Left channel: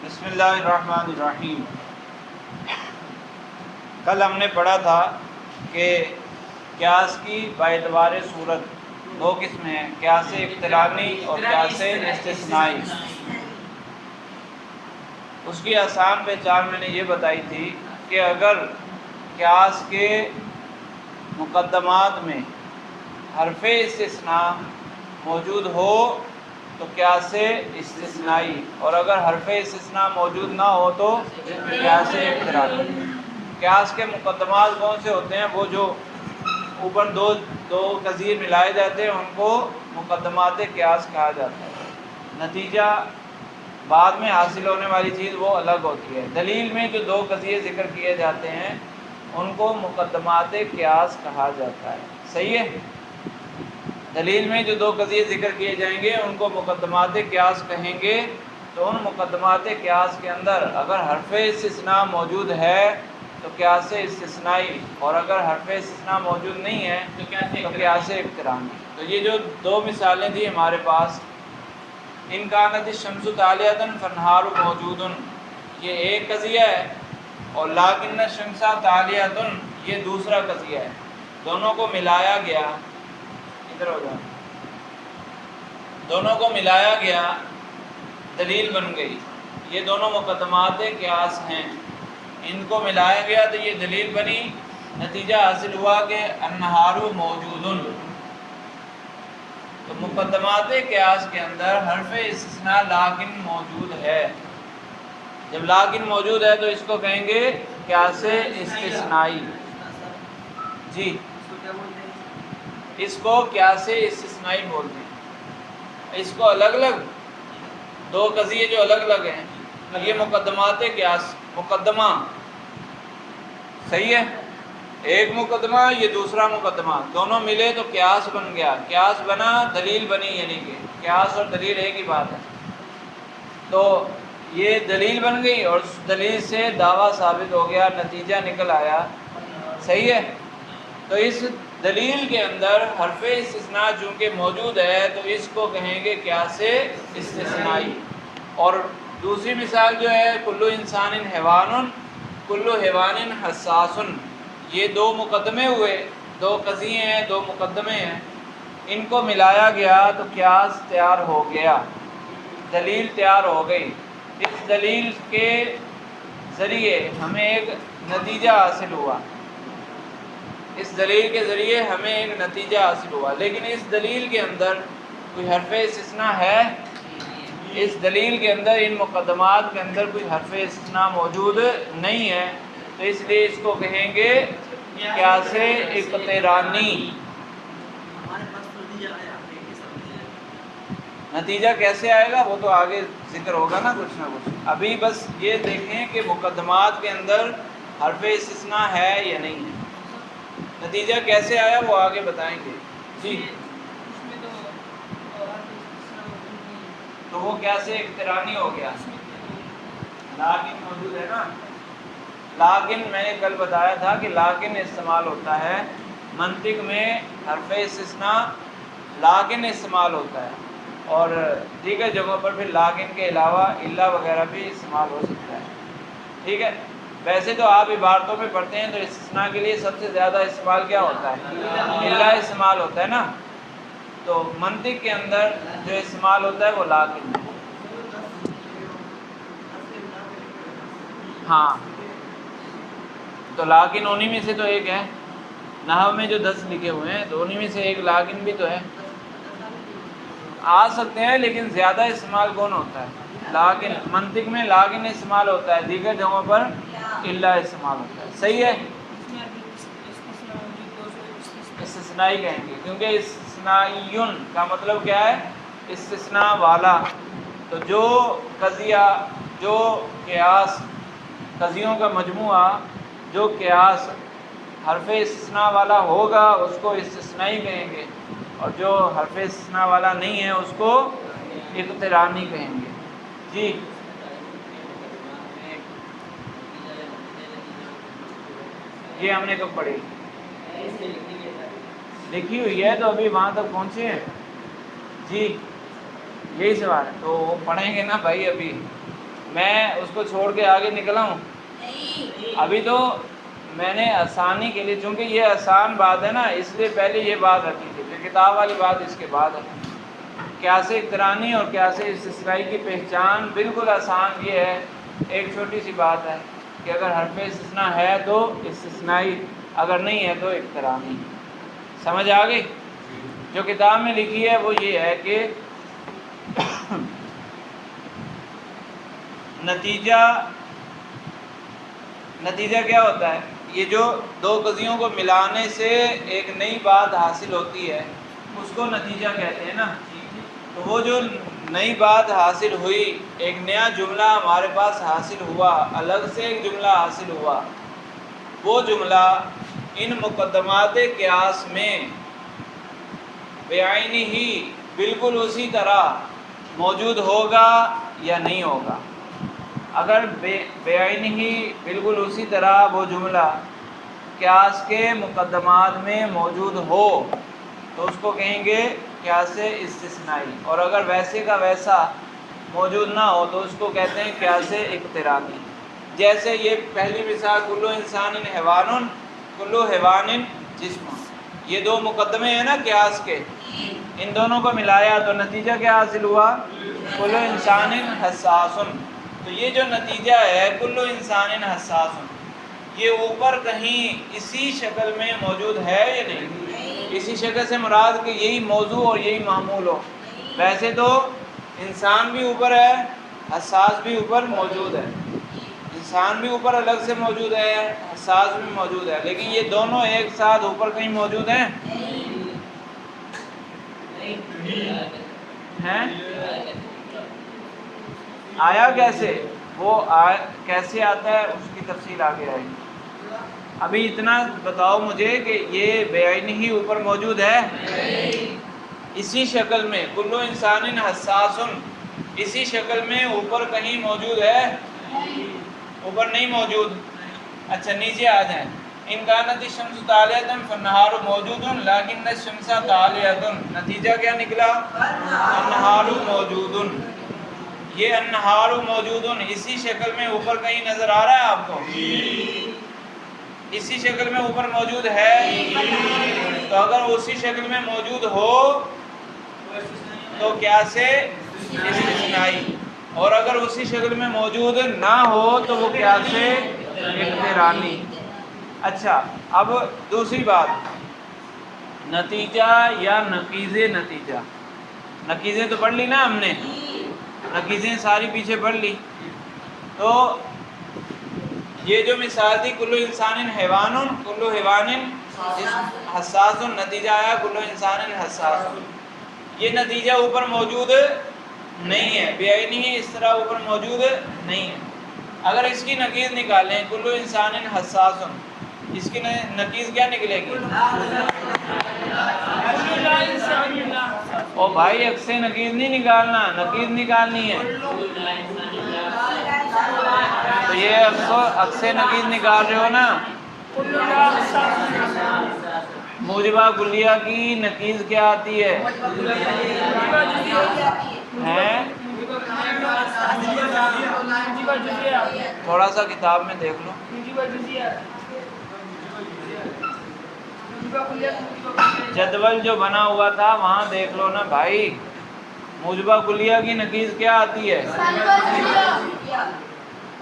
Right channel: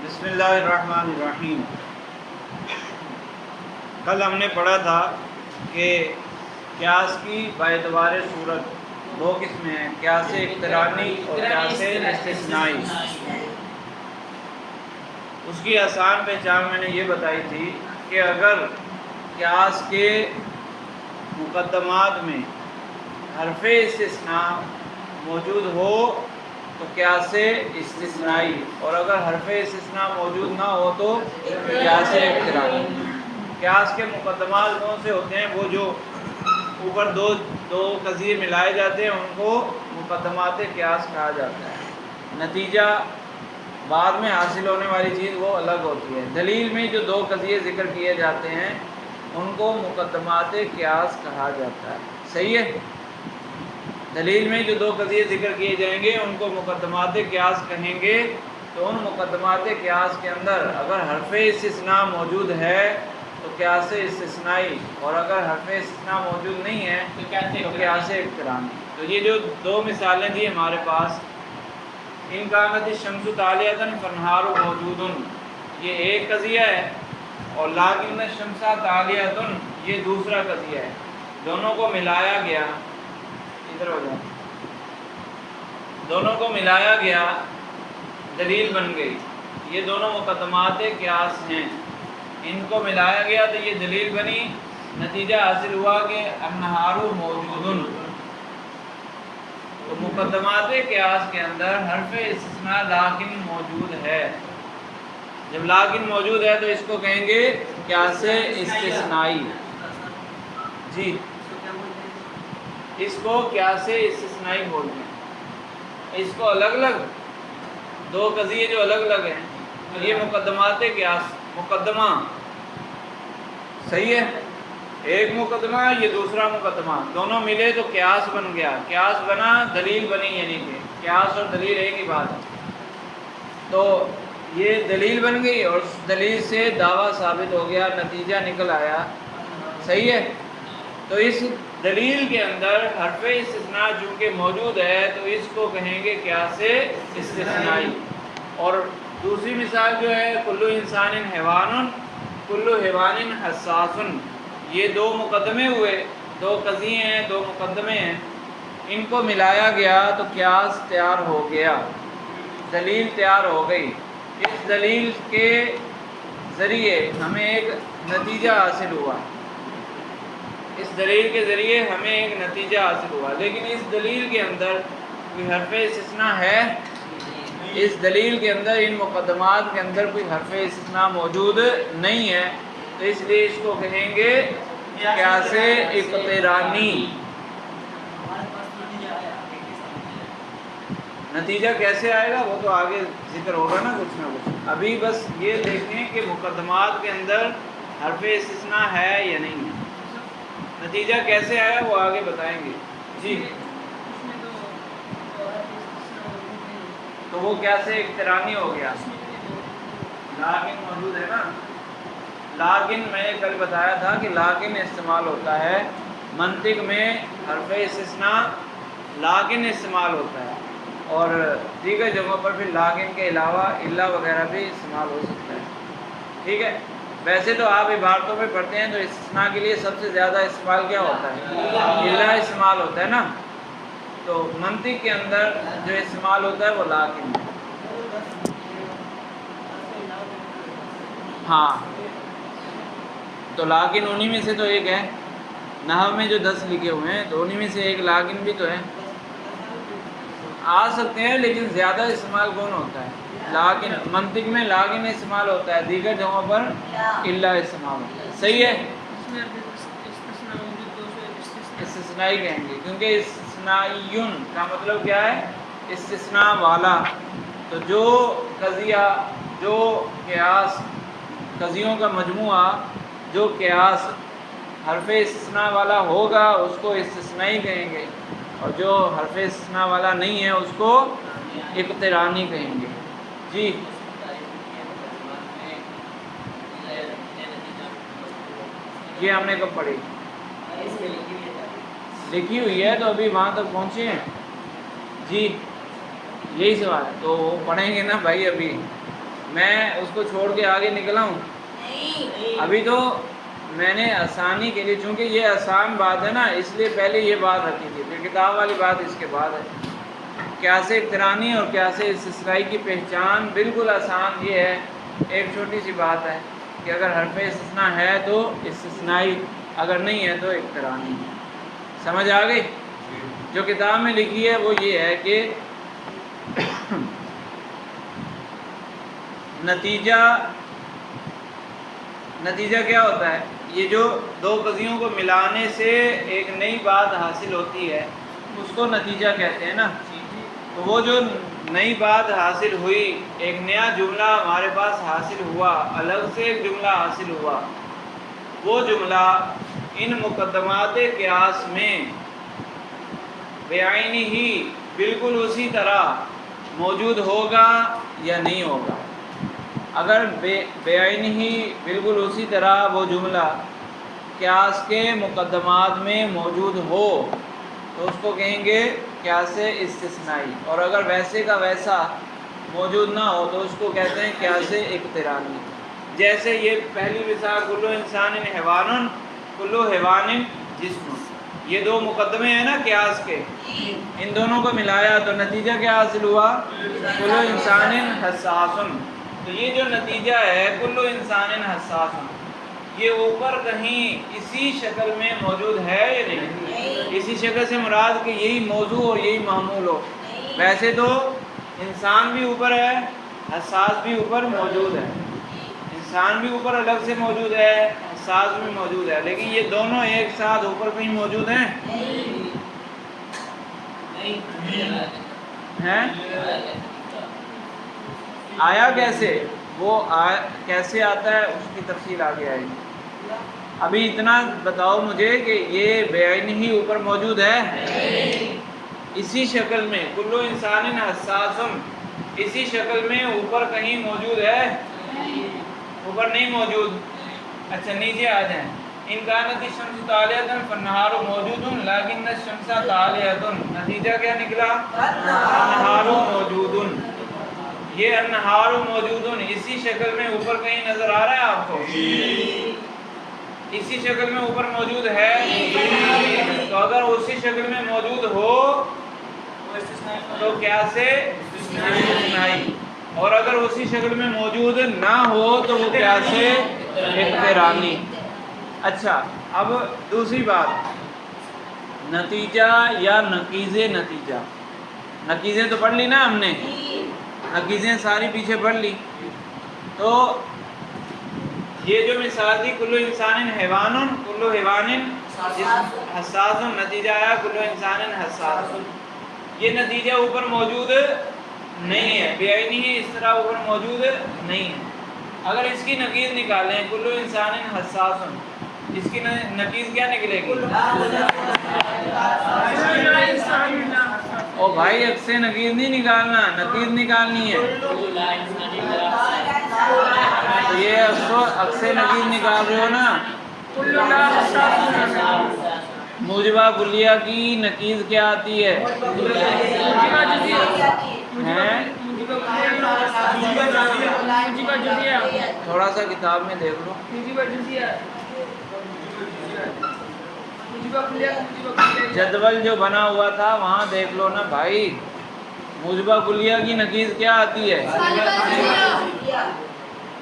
بسم اللہ الرحمن الرحیم۔ کل ہم نے پڑھا تھا کہ قیاس کی باعتبار صورت دو قسمیں ہیں، قیاس اقترانی اور قیاس استثنائی۔ اس کی آسان پہچان میں نے یہ بتائی تھی کہ اگر قیاس کے مقدمات میں حرف استثناء موجود ہو تو قیاس استثنائی، اور اگر حرف استثناء موجود نہ ہو تو قیاس اقترانی۔ قیاس کے مقدمات کون سے ہوتے ہیں؟ وہ جو اوپر دو قضیے ملائے جاتے ہیں ان کو مقدمات قیاس کہا جاتا ہے۔ نتیجہ بعد میں حاصل ہونے والی چیز وہ الگ ہوتی ہے۔ دلیل میں جو دو قضیے ذکر کیے جاتے ہیں ان کو مقدمات قیاس کہا جاتا ہے۔ صحیح ہے؟ دلیل میں جو دو قضیے ذکر کیے جائیں گے ان کو مقدمات قیاس کہیں گے۔ تو ان مقدمات قیاس کے اندر اگر حرف استثناء موجود ہے تو قیاس استثنائی، اور اگر حرف استثناء موجود نہیں ہے تو قیاس اقترانی۔ تو یہ جو دو مثالیں تھیں ہمارے پاس، ان کانت الشمس طالعۃ فالنہار موجود، یہ ایک قضیہ ہے، اور لیکن الشمس طالعۃ یہ دوسرا قضیہ ہے۔ دونوں کو ملایا گیا، ادھر ہو جائے، دونوں کو ملایا گیا، دلیل بن گئی۔ یہ دونوں مقدمات قیاس ہیں، ان کو ملایا گیا تو یہ دلیل بنی۔ نتیجہ حاصل ہوا کہ النہار موجود۔ تو مقدمات قیاس کے اندر حرف استثناء لیکن موجود ہے۔ جب لیکن موجود ہے تو اس کو کہیں گے قیاس استثنائی۔ جی، اس کو قیاس استثنائی بولتے ہیں۔ اس کو الگ الگ دو قضیے جو الگ الگ ہیں، یہ مقدمات قیاس، مقدمہ صحیح ہے، ایک مقدمہ یہ دوسرا مقدمہ، دونوں ملے تو قیاس بن گیا۔ قیاس بنا، دلیل بنی، یعنی کہ قیاس اور دلیل ایک ہی بات ہے۔ تو یہ دلیل بن گئی اور اس دلیل سے دعویٰ ثابت ہو گیا، نتیجہ نکل آیا۔ صحیح ہے؟ تو اس دلیل کے اندر حرف استثناء چونکہ موجود ہے تو اس کو کہیں گے قیاس استثنائی۔ اور دوسری مثال جو ہے کلو انسان حیوان کلو حیوان حساس، یہ دو مقدمے ہوئے، دو قضیے ہیں، دو مقدمے ہیں، ان کو ملایا گیا تو قیاس تیار ہو گیا، دلیل تیار ہو گئی۔ اس دلیل کے ذریعے ہمیں ایک نتیجہ حاصل ہوا، اس دلیل کے ذریعے ہمیں ایک نتیجہ حاصل ہوا، لیکن اس دلیل کے اندر کوئی حرف استثناء ہے؟ اس دلیل کے اندر، ان مقدمات کے اندر کوئی حرف استثناء موجود نہیں ہے، تو اس لیے اس کو کہیں گے قیاس اقترانی۔ نتیجہ کیسے آئے گا وہ تو آگے ذکر ہوگا نا کچھ نہ کچھ، ابھی بس یہ دیکھیں کہ مقدمات کے اندر حرف استثناء ہے یا نہیں ہے۔ نتیجہ کیسے آیا وہ آگے بتائیں گے۔ جی، تو وہ قیاس اقترانی ہو گیا۔ لیکن موجود ہے نا، لیکن میں نے کل بتایا تھا کہ لیکن استعمال ہوتا ہے منطق میں، حرف استثناء لیکن استعمال ہوتا ہے، اور دیگر جگہوں پر بھی لیکن کے علاوہ الا وغیرہ بھی استعمال ہو سکتا ہے۔ ٹھیک ہے؟ ویسے تو آپ عبارتوں میں پڑھتے ہیں تو استثناء کے لیے سب سے زیادہ استعمال کیا ہوتا ہے؟ الا استعمال ہوتا ہے نا، تو منطق کے اندر جو استعمال ہوتا ہے وہ لیکن ہے۔ ہاں، تو لیکن انہی میں سے تو ایک ہے، نحو میں جو 10 لکھے ہوئے ہیں تو انہی میں سے ایک لیکن بھی تو ہے۔ آ سکتے ہیں لیکن زیادہ استعمال کون ہوتا ہے؟ لیکن منطق میں لیکن استعمال ہوتا ہے، دیگر جگہوں پر الا استعمال ہوتا ہے۔ صحیح ہے؟ استثنائی کہیں گے، کیونکہ استثنائیٌ کا مطلب کیا ہے؟ استثناء والا۔ تو جو قضیہ، جو قیاس، قضیوں کا مجموعہ، جو قیاس حرف استثناء والا ہوگا اس کو استثنائی کہیں گے، اور جو حرف استثناء والا نہیں ہے اس کو اقترانی کہیں گے۔ جی، یہ ہم نے کب پڑھی؟ لکھی ہوئی ہے تو ابھی وہاں تک پہنچے ہیں۔ جی، یہی سوال ہے تو وہ پڑھیں گے نا بھائی ابھی۔ میں اس کو چھوڑ کے آگے نکلا ہوں؟ ابھی تو میں نے آسانی کے لیے، چونکہ یہ آسان بات ہے نا، اس لیے پہلے یہ بات رکھی تھی، پھر کتاب والی بات اس کے بعد ہے۔ قیاس اقترانی اور قیاس استثنائی کی پہچان بالکل آسان یہ ہے، ایک چھوٹی سی بات ہے کہ اگر حرف استثناء ہے تو استثنائی، اگر نہیں ہے تو اقترانی۔ سمجھ آ گئی؟ جو کتاب میں لکھی ہے وہ یہ ہے کہ نتیجہ کیا ہوتا ہے؟ یہ جو دو قضیوں کو ملانے سے ایک نئی بات حاصل ہوتی ہے اس کو نتیجہ کہتے ہیں نا۔ تو وہ جو نئی بات حاصل ہوئی، ایک نیا جملہ ہمارے پاس حاصل ہوا، الگ سے ایک جملہ حاصل ہوا، وہ جملہ ان مقدمات قیاس میں بعینہ ہی بالکل اسی طرح موجود ہوگا یا نہیں ہوگا۔ اگر بعینہ ہی بالکل اسی طرح وہ جملہ قیاس کے مقدمات میں موجود ہو تو اس کو کہیں گے قیاس استثنائی، اور اگر ویسے کا ویسا موجود نہ ہو تو اس کو کہتے ہیں قیاس اقترانی۔ جیسے یہ پہلی مثال کلو انسان حیوان کلو حیوان جسم، یہ دو مقدمے ہیں نا قیاس کے، ان دونوں کو ملایا تو نتیجہ کیا حاصل ہوا؟ کلو انسان حساس۔ تو یہ جو نتیجہ ہے کلو انسان حساس، یہ اوپر کہیں اسی شکل میں موجود ہے یا نہیں؟ اسی شکل سے مراد کہ یہی موضوع اور یہی معمول ہو۔ ویسے تو انسان بھی اوپر ہے، حساس بھی اوپر موجود ہے، انسان بھی اوپر الگ سے موجود ہے، حساس بھی موجود ہے، لیکن یہ دونوں ایک ساتھ اوپر کہیں موجود ہیں؟ ہیں؟ آیا کیسے؟ وہ کیسے آتا ہے اس کی تفصیل آگے آئے گی۔ ابھی اتنا بتاؤ مجھے کہ یہ بعینہ ہی اوپر موجود ہے؟ اسی شکل میں کلو انسان حساس، اسی شکل میں اوپر کہیں موجود ہے؟ اوپر نہیں موجود۔ اچھا نیچے آ جائیں۔ ان کانت الشمس طالعۃ فالنہار موجود لیکن الشمس طالعۃ، نتیجہ کیا نکلا؟ النہار موجود۔ یہ النہار موجود اسی شکل میں اوپر کہیں نظر آ رہا ہے آپ کو؟ اسی شکل میں اوپر موجود ہے؟ تو اگر اسی شکل میں موجود ہو تو قیاس استثنائی، اور اگر اسی شکل میں موجود نہ ہو تو وہ قیاس اقترانی۔ اچھا اب دوسری بات، نتیجہ یا نقیض نتیجہ۔ نقیضیں تو پڑھ لی نا ہم نے، نقیضیں ساری پیچھے پڑھ لی۔ تو یہ جو مثال تھی کلو انسان حیوان کلو حیوان حساس، نتیجہ آیا کلو انسان حساس، یہ نتیجہ اوپر موجود نہیں ہے، بعینہ ہی اس طرح اوپر موجود نہیں ہے۔ اگر اس کی نقیض نکالیں کلو انسان حساس، اس کی نقیض کیا نکلے گی؟ او بھائی عکس نقیض نہیں نکالنا، نقیض نکالنی ہے۔ تو یہ اس کو عکس نقیض نکال رہے ہو نا۔ موجبہ کلیہ کی نقیض کیا آتی ہے؟ تھوڑا سا کتاب میں دیکھ لو۔ جدول جو بنا ہوا تھا وہاں دیکھ لو نا بھائی، موجبہ کلیہ کی نقیض کیا آتی ہے؟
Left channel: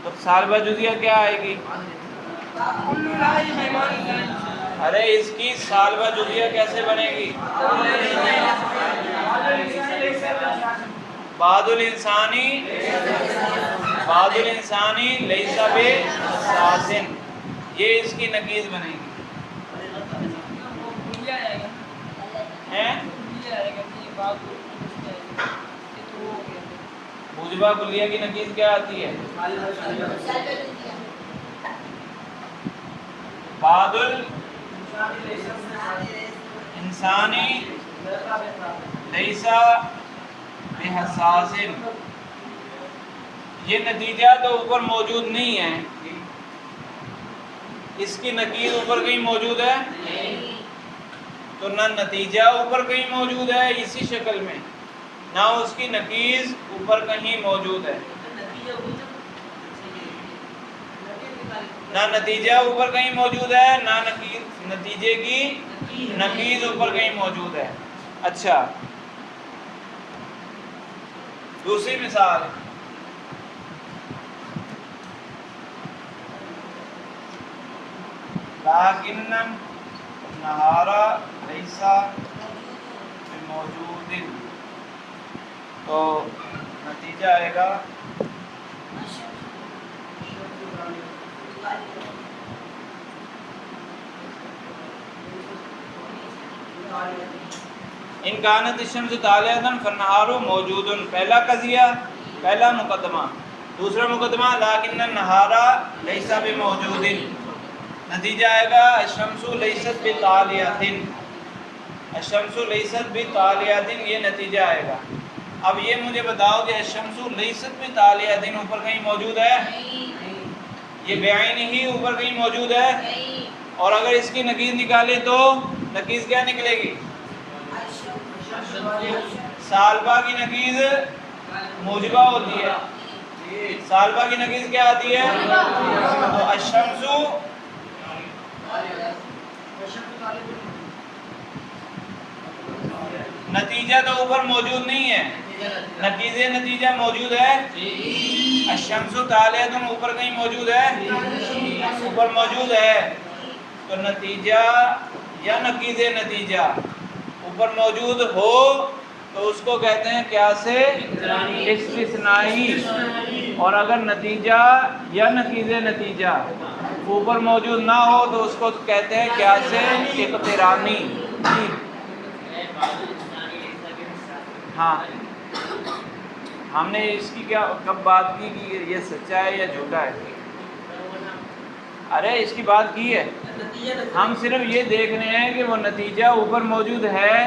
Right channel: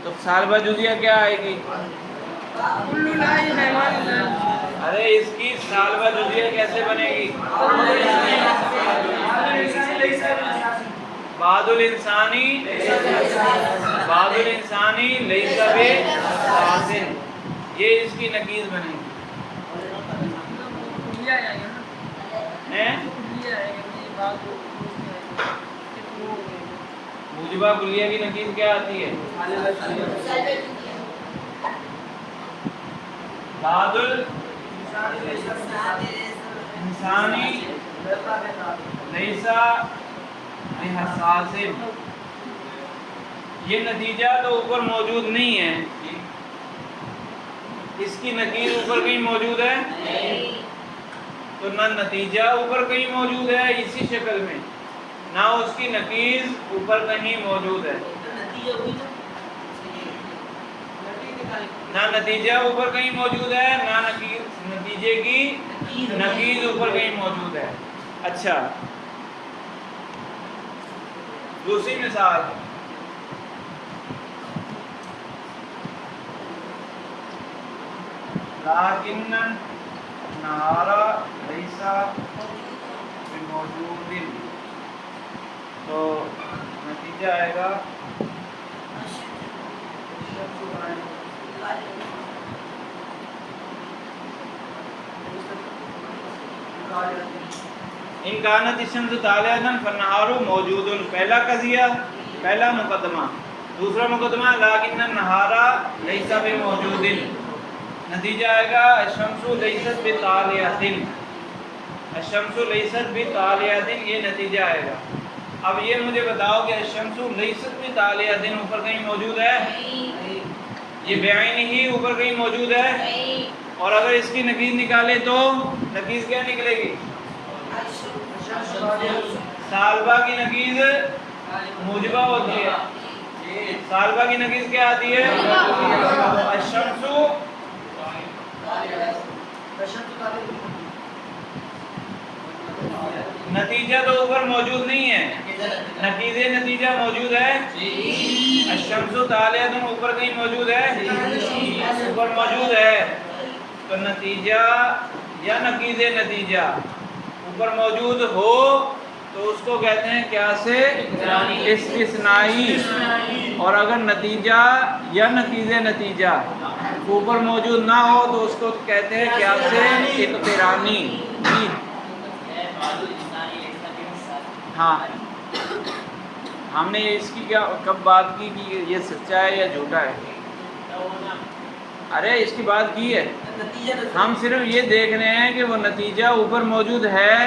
تو سالبہ جزیہ کیا آئے گی؟ ارے اس کی سالبہ جزیہ کیسے بنے گی؟ بعض الانسانی لیس بحساس، یہ اس کی نقیض بنے گی۔ موجبہ کلیہ کی نقیض کیا آتی ہے؟ بعض الانسانی لیس بحساس، یہ نتیجہ تو اوپر موجود نہیں ہے، اس کی نقیض اوپر کہیں موجود ہے؟ تو نہ نتیجہ اوپر کہیں موجود ہے اسی شکل میں، نہ اس کی نقیض اوپر کہیں موجود ہے۔ نہ نتیجہ اوپر کہیں موجود ہے، نہ نتیجے کی نقیض اوپر کہیں موجود ہے۔ اچھا دوسری مثال، لیکن النہار لیس بموجود، تو نتیجہ آئے گا ان کانت الشمس طالعۃ فالنہار موجود، پہلا قضیہ، پہلا مقدمہ۔ دوسرا مقدمہ لیکن النہار لیس بموجود، نتیجہ آئے گا الشمس لیست بطالعۃ، الشمس لیست بطالعۃ، یہ نتیجہ آئے گا۔ اب یہ مجھے بتاؤ کہ الشمس لیست بطالعۃ اوپر کہیں موجود ہے؟ یہ بعین ہی اوپر کہیں موجود ہے؟ اور اگر اس کی نقیض نکالے تو نقیض کیا نکلے گی؟ سالبہ کی نقیض موجبہ ہوتی ہے، سالبہ کی نقیض کیا آتی ہے؟ الشمس، نتیجہ تو اوپر موجود نہیں ہے، نقیض نتیجہ موجود ہے۔ الشمس طالعۃ اوپر کہیں موجود ہے؟ اوپر موجود ہے، تو نتیجہ یا نقیض نتیجہ اوپر موجود ہو تو اس کو کہتے ہیں قیاس استثنائی، اور اگر نتیجہ یا نقیض نتیجہ اوپر موجود نہ ہو تو اس کو کہتے ہیں قیاس اقترانی۔ ہاں ہم نے اس کی کب بات کی کہ یہ سچا ہے یا جھوٹا ہے؟ ارے اس کی بات کی ہے، ہم صرف یہ دیکھ رہے ہیں کہ وہ نتیجہ اوپر موجود ہے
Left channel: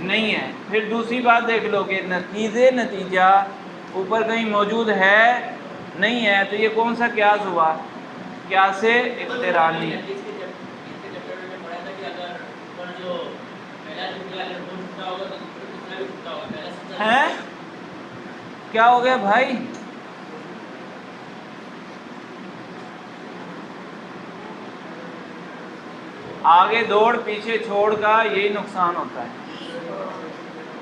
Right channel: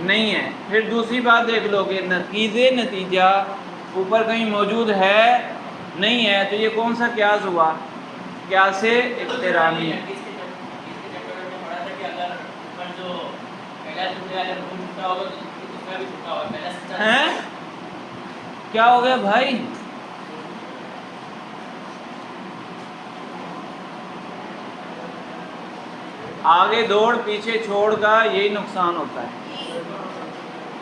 نہیں ہے۔ پھر دوسری بات دیکھ لو کہ نقیض نتیجہ اوپر کہیں موجود ہے نہیں ہے، تو یہ کون سا قیاس ہوا؟ قیاس اقترانی۔ ہیں کیا ہو گیا بھائی؟ آگے دوڑ پیچھے چھوڑ کا یہی نقصان ہوتا ہے،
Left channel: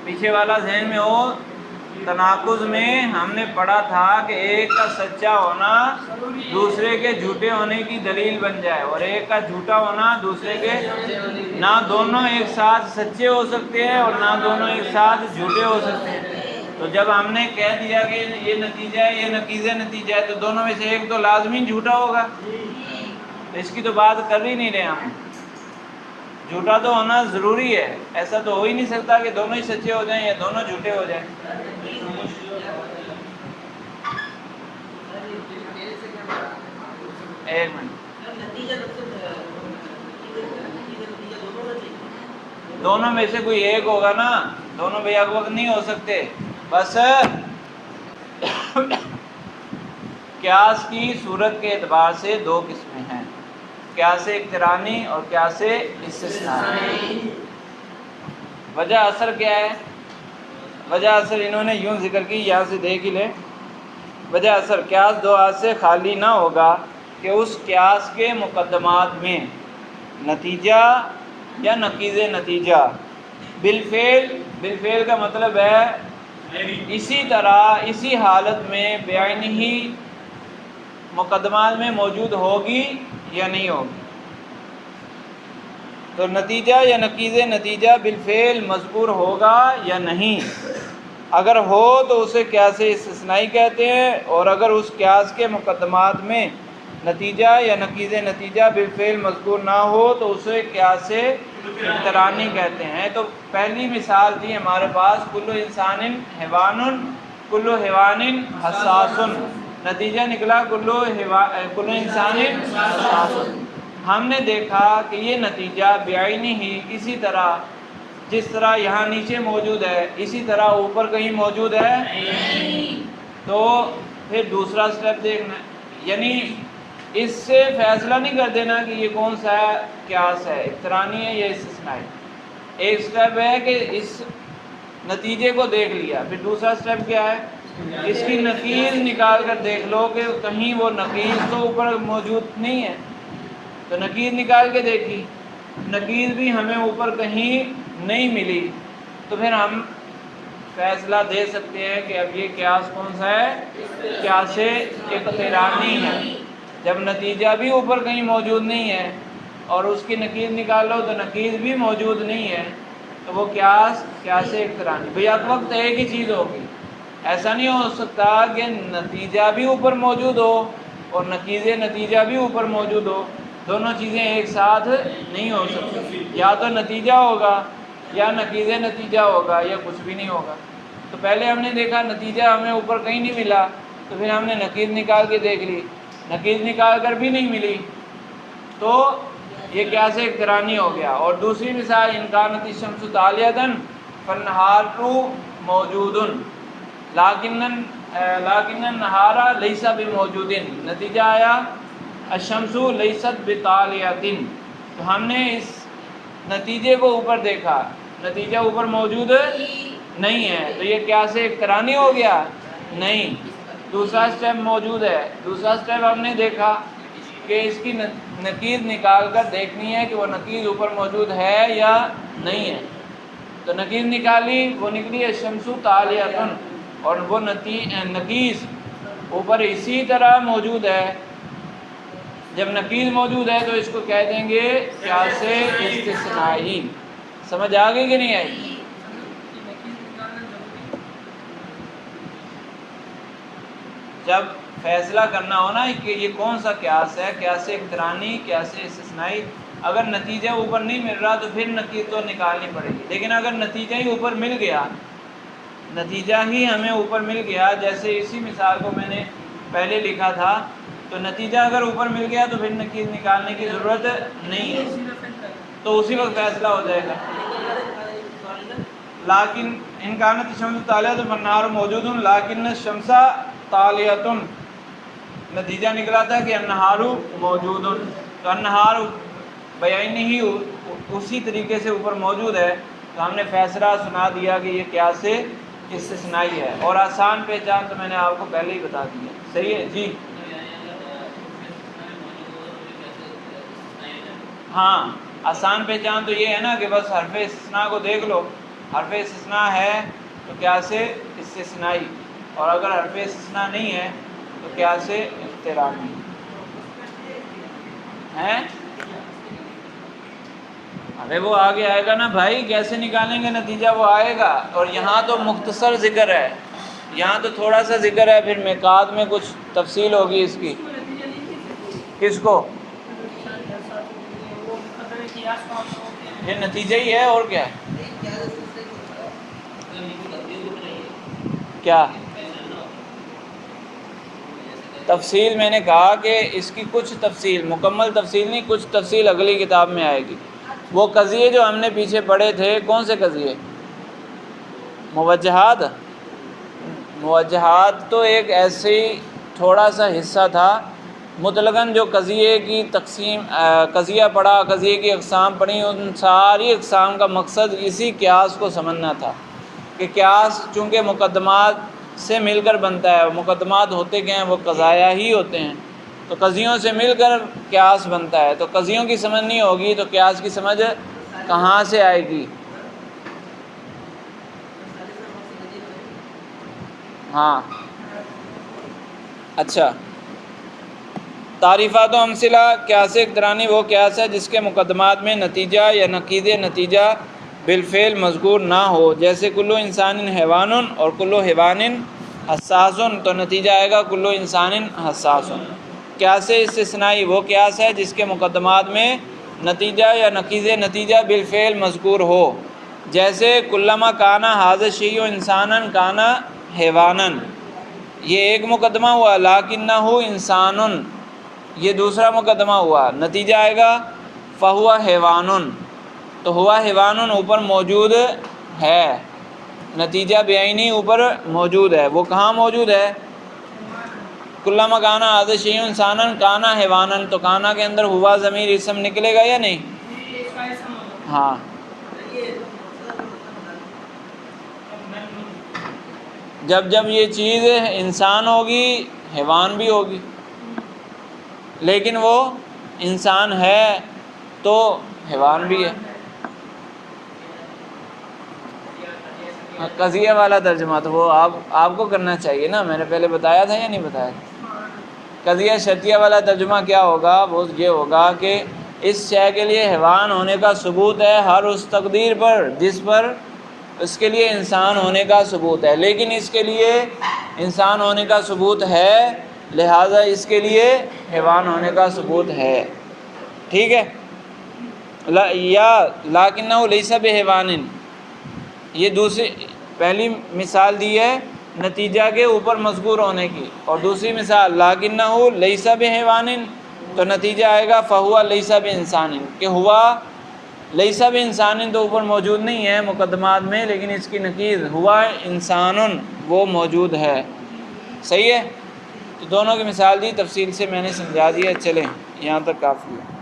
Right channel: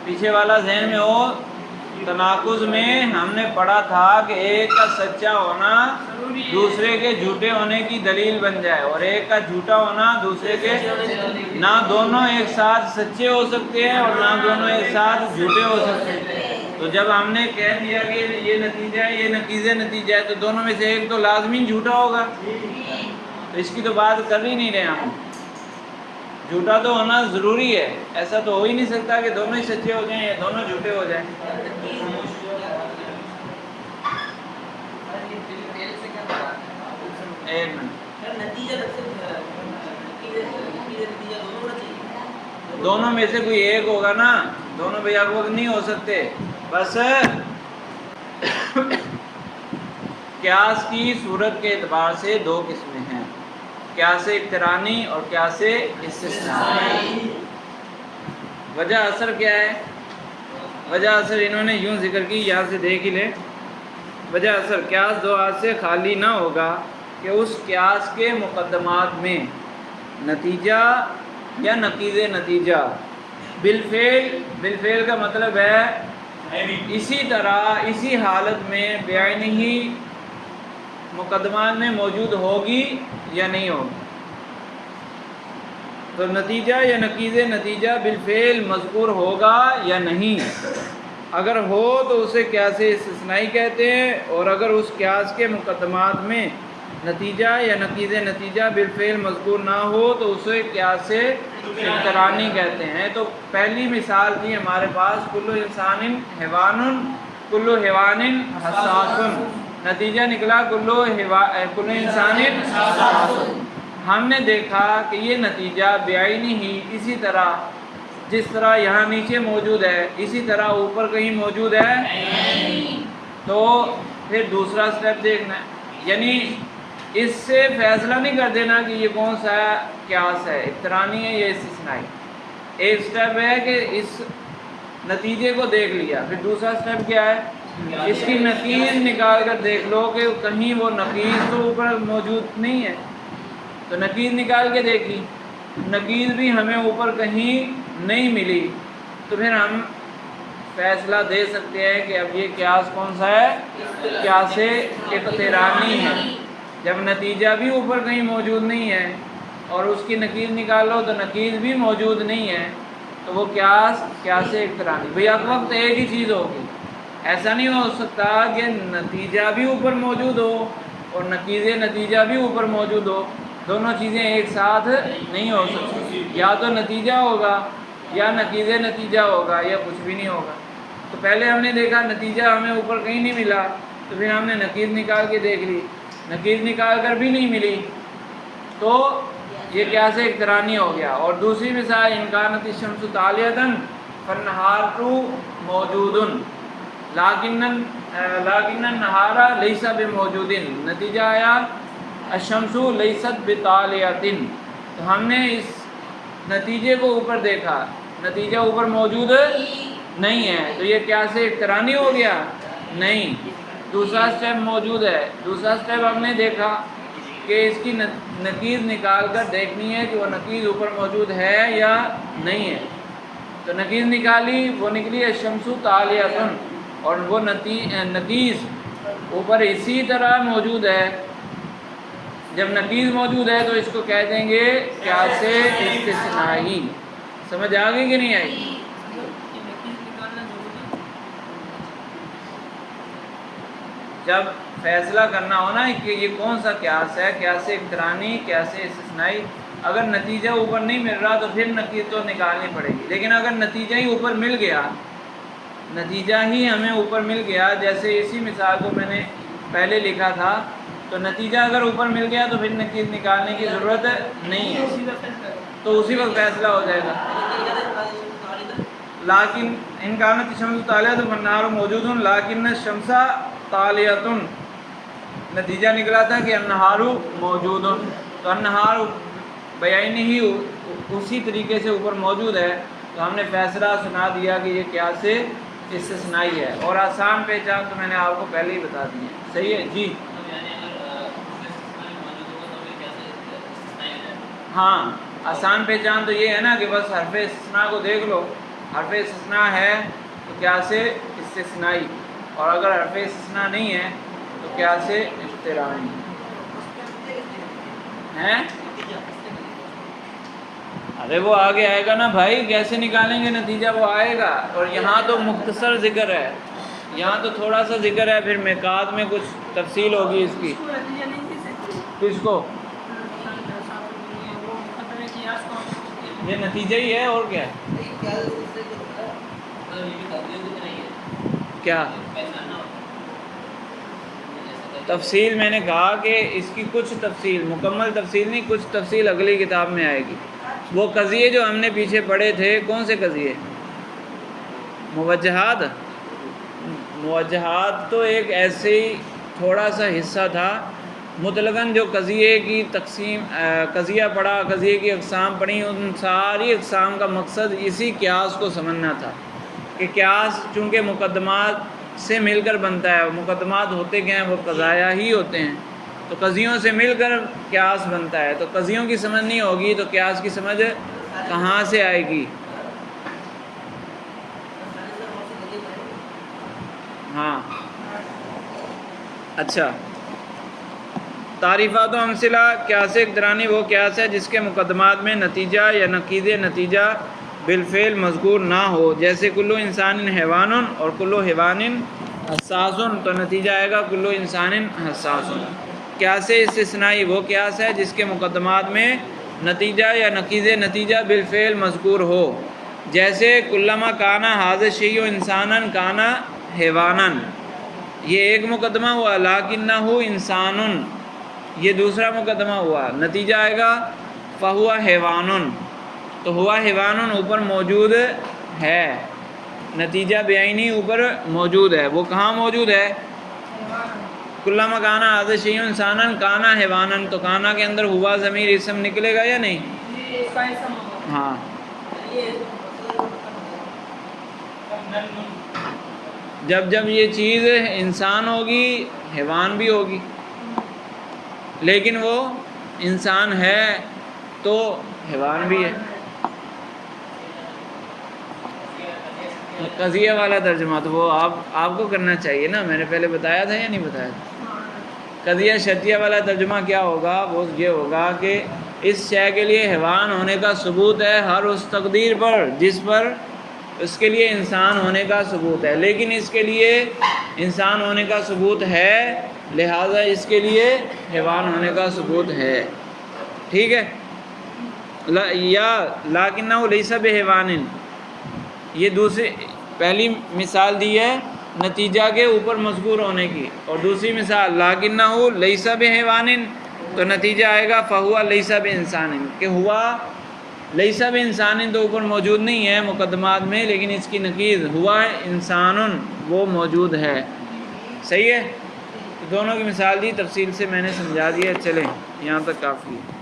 پیچھے والا ذہن میں ہو۔ تناقض میں ہم نے پڑھا تھا کہ ایک کا سچا ہونا دوسرے کے جھوٹے ہونے کی دلیل بن جائے، اور ایک کا جھوٹا ہونا دوسرے کے، نہ دونوں ایک ساتھ سچے ہو سکتے ہیں اور نہ دونوں ایک ساتھ جھوٹے ہو سکتے ہیں۔ تو جب ہم نے کہہ دیا کہ یہ نتیجہ ہے یہ نقیض نتیجہ ہے، تو دونوں میں سے ایک تو لازمی جھوٹا ہوگا، تو اس کی تو بات کر ہی نہیں رہے ہم۔ جھوٹا تو ہونا ضروری ہے، ایسا تو ہو ہی نہیں سکتا کہ دونوں ہی سچے ہو جائیں یا دونوں جھوٹے ہو جائیں۔ ایک منٹ، دونوں میں سے کوئی ایک ہوگا نا، دونوں بھیا کو نہیں ہو سکتے۔ بس قیاس کی صورت کے اعتبار سے دو قسمیں ہیں، قیاس اقترانی اور قیاس استثنائی۔ وجہ اثر کیا ہے؟ وجہ اثر انہوں نے یوں ذکر کی، یہاں سے دیکھ ہی لیں۔ وجہ اثر، قیاس دو ہاتھ سے خالی نہ ہوگا کہ اس قیاس کے مقدمات میں نتیجہ یا نقیض نتیجہ بالفعل، بالفعل کا مطلب ہے اسی طرح اسی حالت میں بعین ہی مقدمات میں موجود ہوگی یا نہیں ہوگی۔ تو نتیجہ یا نقیض نتیجہ بالفعل مذکور ہوگا یا نہیں، اگر ہو تو اسے قیاس استثنائی کہتے ہیں، اور اگر اس قیاس کے مقدمات میں نتیجہ یا نقیض نتیجہ بالفعل مذکور نہ ہو تو اسے قیاس اقترانی کہتے ہیں۔ تو پہلی مثال تھی ہمارے پاس کل انسان حیوان کل حیوان حساس، نتیجہ نکلا کل انسان حساس۔ ہم نے دیکھا کہ یہ نتیجہ بعین ہی اسی طرح جس طرح یہاں نیچے موجود ہے اسی طرح اوپر کہیں موجود ہے، تو پھر دوسرا سٹیپ دیکھنا ہے، یعنی اس سے فیصلہ نہیں کر دینا کہ یہ کون سا قیاس ہے، اقترانی ہے یا استثنائی۔ ایک سٹیپ ہے کہ اس نتیجے کو دیکھ لیا، پھر دوسرا سٹیپ کیا ہے؟ اس کی نقیض نکال کر دیکھ لو کہ کہیں وہ نقیض تو اوپر موجود نہیں ہے، تو نقیض نکال کے دیکھی، نقیض بھی ہمیں اوپر کہیں نہیں ملی، تو پھر ہم فیصلہ دے سکتے ہیں کہ اب یہ قیاس کون سا ہے، قیاس اقترانی ہے۔ جب نتیجہ بھی اوپر کہیں موجود نہیں ہے اور اس کی نقیض نکالو تو نقیض بھی موجود نہیں ہے، تو وہ قیاس اقترانی۔ بھئی ایک وقت ایک ہی چیز ہوگی، ایسا نہیں ہو سکتا کہ نتیجہ بھی اوپر موجود ہو اور نقیض نتیجہ بھی اوپر موجود ہو، دونوں چیزیں ایک ساتھ نہیں ہو سکتی، یا تو نتیجہ ہوگا یا نقیض نتیجہ ہوگا یا کچھ بھی نہیں ہوگا۔ تو پہلے ہم نے دیکھا نتیجہ ہمیں اوپر کہیں نہیں ملا، تو پھر ہم نے نقیض نکال کے دیکھ لی، نقیض نکال کر بھی نہیں ملی، تو یہ قیاس اقترانی ہو گیا۔ اور دوسری مثال ان کانت الشمس طالیۃ فالنہار موجود لیکن النہار لیس بموجود، نتیجہ آیا الشمس لیست بطالیۃ، تو ہم نے اس نتیجے کو اوپر دیکھا، نتیجہ اوپر موجود نہیں ہے، تو یہ قیاس اقترانی ہو گیا؟ نہیں۔ دوسرا سٹیپ موجود ہے، دوسرا سٹیپ ہم نے دیکھا کہ اس کی نقیض نکال کر دیکھنی ہے کہ وہ نقیض اوپر موجود ہے یا نہیں ہے، تو نقیض نکالی، وہ نکلی الشمس طالیۃ، اور وہ نقیض اوپر اسی طرح موجود ہے۔ جب نقیض موجود ہے تو اس کو کہہ دیں گے قیاس استثنائی۔ سمجھ آ گئی کہ نہیں آئی؟ جب فیصلہ کرنا ہو نا کہ یہ کون سا قیاس ہے، قیاس اقترانی، قیاس استثنائی، اگر نتیجہ اوپر نہیں مل رہا تو پھر نقیض تو نکالنی پڑے گی، لیکن اگر نتیجہ ہی اوپر مل گیا، نتیجہ ہی ہمیں اوپر مل گیا، جیسے اسی مثال کو میں نے پہلے لکھا تھا، تو نتیجہ اگر اوپر مل گیا تو پھر نقیض نکالنے کی ضرورت نہیں ہے، تو اسی وقت فیصلہ ہو جائے گا۔ لیکن ان کانت الشمس طالیۃ فالنہار موجود لیکن الشمس طالیۃ، نتیجہ نکلا تھا کہ النہار موجود، تو النہار بیان ہی اسی طریقے سے اوپر موجود ہے، تو ہم نے فیصلہ سنا دیا کہ یہ قیاس استثنائی ہے۔ اور آسان پہچان تو میں نے آپ کو پہلے ہی بتا دی ہے، صحیح ہے جی؟ ہاں، آسان پہچان تو یہ ہے نا کہ بس حرف استثناء کو دیکھ لو، حرف استثناء ہے تو قیاس استثنائی، اور اگر حرف استثناء نہیں ہے تو قیاس اقترانی ہے۔ ارے وہ آگے آئے گا نا بھائی، کیسے نکالیں گے نتیجہ، وہ آئے گا، اور یہاں تو مختصر ذکر ہے، یہاں تو تھوڑا سا ذکر ہے، پھر میقات میں کچھ تفصیل ہوگی اس کی۔ کس کو؟ یہ نتیجہ ہی ہے اور کیا کیا تفصیل؟ میں نے کہا کہ اس کی کچھ تفصیل، مکمل تفصیل نہیں، کچھ تفصیل اگلی کتاب میں آئے گی۔ وہ قضیے جو ہم نے پیچھے پڑھے تھے، کون سے قضیے؟ موجہات۔ موجہات تو ایک ایسے ہی تھوڑا سا حصہ تھا، مطلقاً جو قضیے کی تقسیم، قضیہ پڑھا، قضیے کی اقسام پڑھی، ان ساری اقسام کا مقصد اسی قیاس کو سمجھنا تھا کہ قیاس چونکہ مقدمات سے مل کر بنتا ہے، مقدمات ہوتے کیا ہیں؟ وہ قضایا ہی ہوتے ہیں، تو قضیوں سے مل کر قیاس بنتا ہے، تو قضیوں کی سمجھ نہیں ہوگی تو قیاس کی سمجھ کہاں سے آئے گی؟ ہاں اچھا، تعریفات و امثلہ۔ قیاس اقترانی وہ قیاس ہے جس کے مقدمات میں نتیجہ یا نقیض نتیجہ بالفعل مذکور نہ ہو، جیسے کلو انسان حیوان اور کلو حیوان حساس، تو نتیجہ آئے گا کلو انسان حساس۔ قیاس استثنائی وہ قیاس ہے جس کے مقدمات میں نتیجہ یا نقیض نتیجہ بالفعل مذکور ہو، جیسے کلما کانا ھذا الشیء انسانا کانا حیوانا، یہ ایک مقدمہ ہوا، لیکنہ انسان، یہ دوسرا مقدمہ ہوا، نتیجہ آئے گا فہو حیوان، تو ہوا حیوان اوپر موجود ہے، نتیجہ بعینی اوپر موجود ہے، وہ کہاں موجود ہے؟ کلما کانا ھذا الشیء انسانا کانا حیوانا، تو کانا کے اندر ہوا ضمیر اسم نکلے گا یا نہیں؟ ہاں جب جب یہ چیز انسان ہوگی حیوان بھی ہوگی، لیکن وہ انسان ہے تو حیوان بھی ہے۔ قضیہ والا ترجمہ تو وہ آپ کو کرنا چاہیے نا، میں نے پہلے بتایا تھا یا نہیں بتایا تھا؟ قضیہ شرطیہ والا ترجمہ کیا ہوگا؟ وہ یہ ہوگا کہ اس شے کے لیے حیوان ہونے کا ثبوت ہے ہر اس تقدیر پر جس پر اس کے لیے انسان ہونے کا ثبوت ہے، لیکن اس کے لیے انسان ہونے کا ثبوت ہے، لہٰذا اس کے لیے حیوان ہونے کا ثبوت ہے۔ ٹھیک ہے؟ یا لیکنہ لیس بحیوان، یہ دوسری پہلی مثال دی ہے نتیجہ کے اوپر مذکور ہونے کی، اور دوسری مثال لیکنہ لیس بحیوان، تو نتیجہ آئے گا فہو لیس بانسان، کہ ہوا لیس بانسان تو اوپر موجود نہیں ہے مقدمات میں، لیکن اس کی نقیض ہوا انسان وہ موجود ہے۔ صحیح ہے؟ تو دونوں کی مثال دی، تفصیل سے میں نے سمجھا دیا، چلیں یہاں تک کافی ہے۔